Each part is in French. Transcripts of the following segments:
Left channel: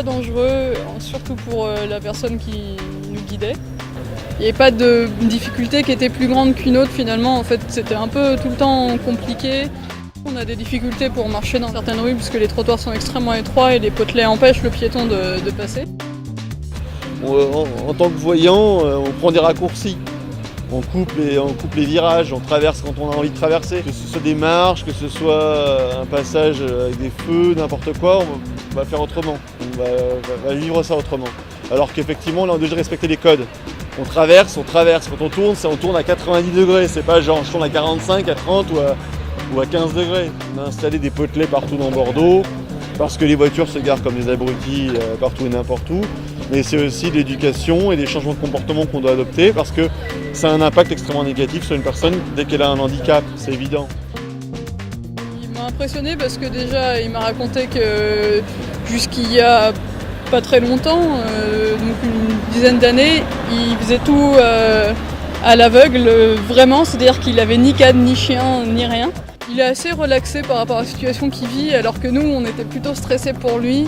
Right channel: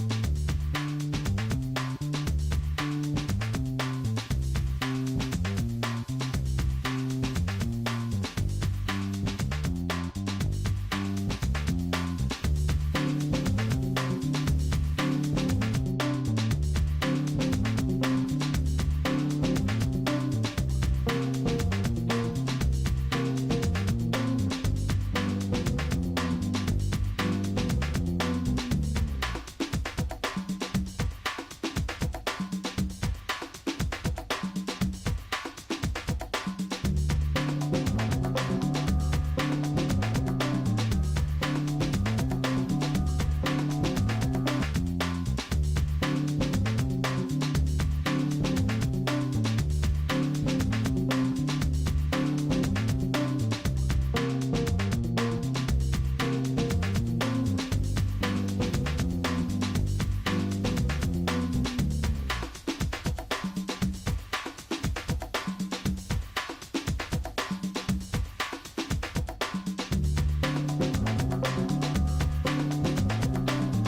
fois dangereux, surtout pour la personne qui nous guidait. Il n'y avait pas de difficulté qui était plus grande qu'une autre finalement. En fait, c'était un peu tout le temps compliqué. On a des difficultés pour marcher dans certaines rues puisque les trottoirs sont extrêmement étroits et les potelets empêchent le piéton de passer. En tant que voyant, on prend des raccourcis. On coupe les virages, on traverse quand on a envie de traverser. Que ce soit des marches, que ce soit un passage avec des feux, n'importe quoi, on va faire autrement. On va vivre ça autrement. Alors qu'effectivement, là, on a déjà respecté les codes. On traverse. Quand on tourne à 90 degrés. C'est pas genre je tourne à 45, à 30 ou à 15 degrés. On a installé des potelets partout dans Bordeaux parce que les voitures se garent comme des abrutis partout et n'importe où. Mais c'est aussi l'éducation et les changements de comportement qu'on doit adopter parce que ça a un impact extrêmement négatif sur une personne dès qu'elle a un handicap, c'est évident. Il m'a impressionné parce que déjà il m'a raconté que jusqu'il y a pas très longtemps, donc une dizaine d'années, il faisait tout à l'aveugle, vraiment, c'est-à-dire qu'il avait ni cadre, ni chien, ni rien. Il est assez relaxé par rapport à la situation qu'il vit, alors que nous, on était plutôt stressés pour lui.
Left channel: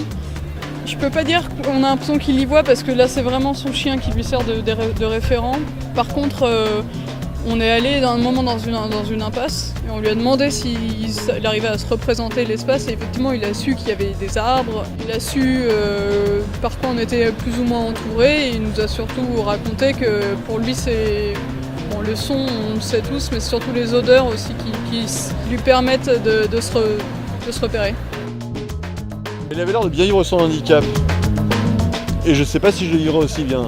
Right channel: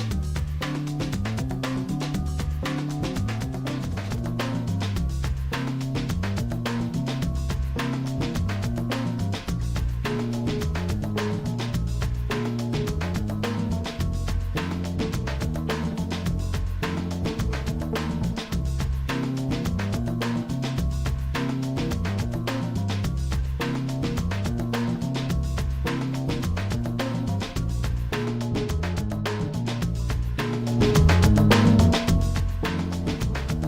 Je peux pas dire qu'on a l'impression qu'il y voit, parce que là, c'est vraiment son chien qui lui sert de référent. Par contre, on est allé dans un moment dans une impasse, et on lui a demandé s'il arrivait à se représenter l'espace, et effectivement, il a su qu'il y avait des arbres, il a su par quoi on était plus ou moins entouré, et il nous a surtout raconté que pour lui, c'est... Bon, le son, on le sait tous, mais surtout les odeurs aussi qui lui permettent de se repérer. Il avait l'air de bien vivre son handicap. Et je sais pas si je le vivrai aussi bien.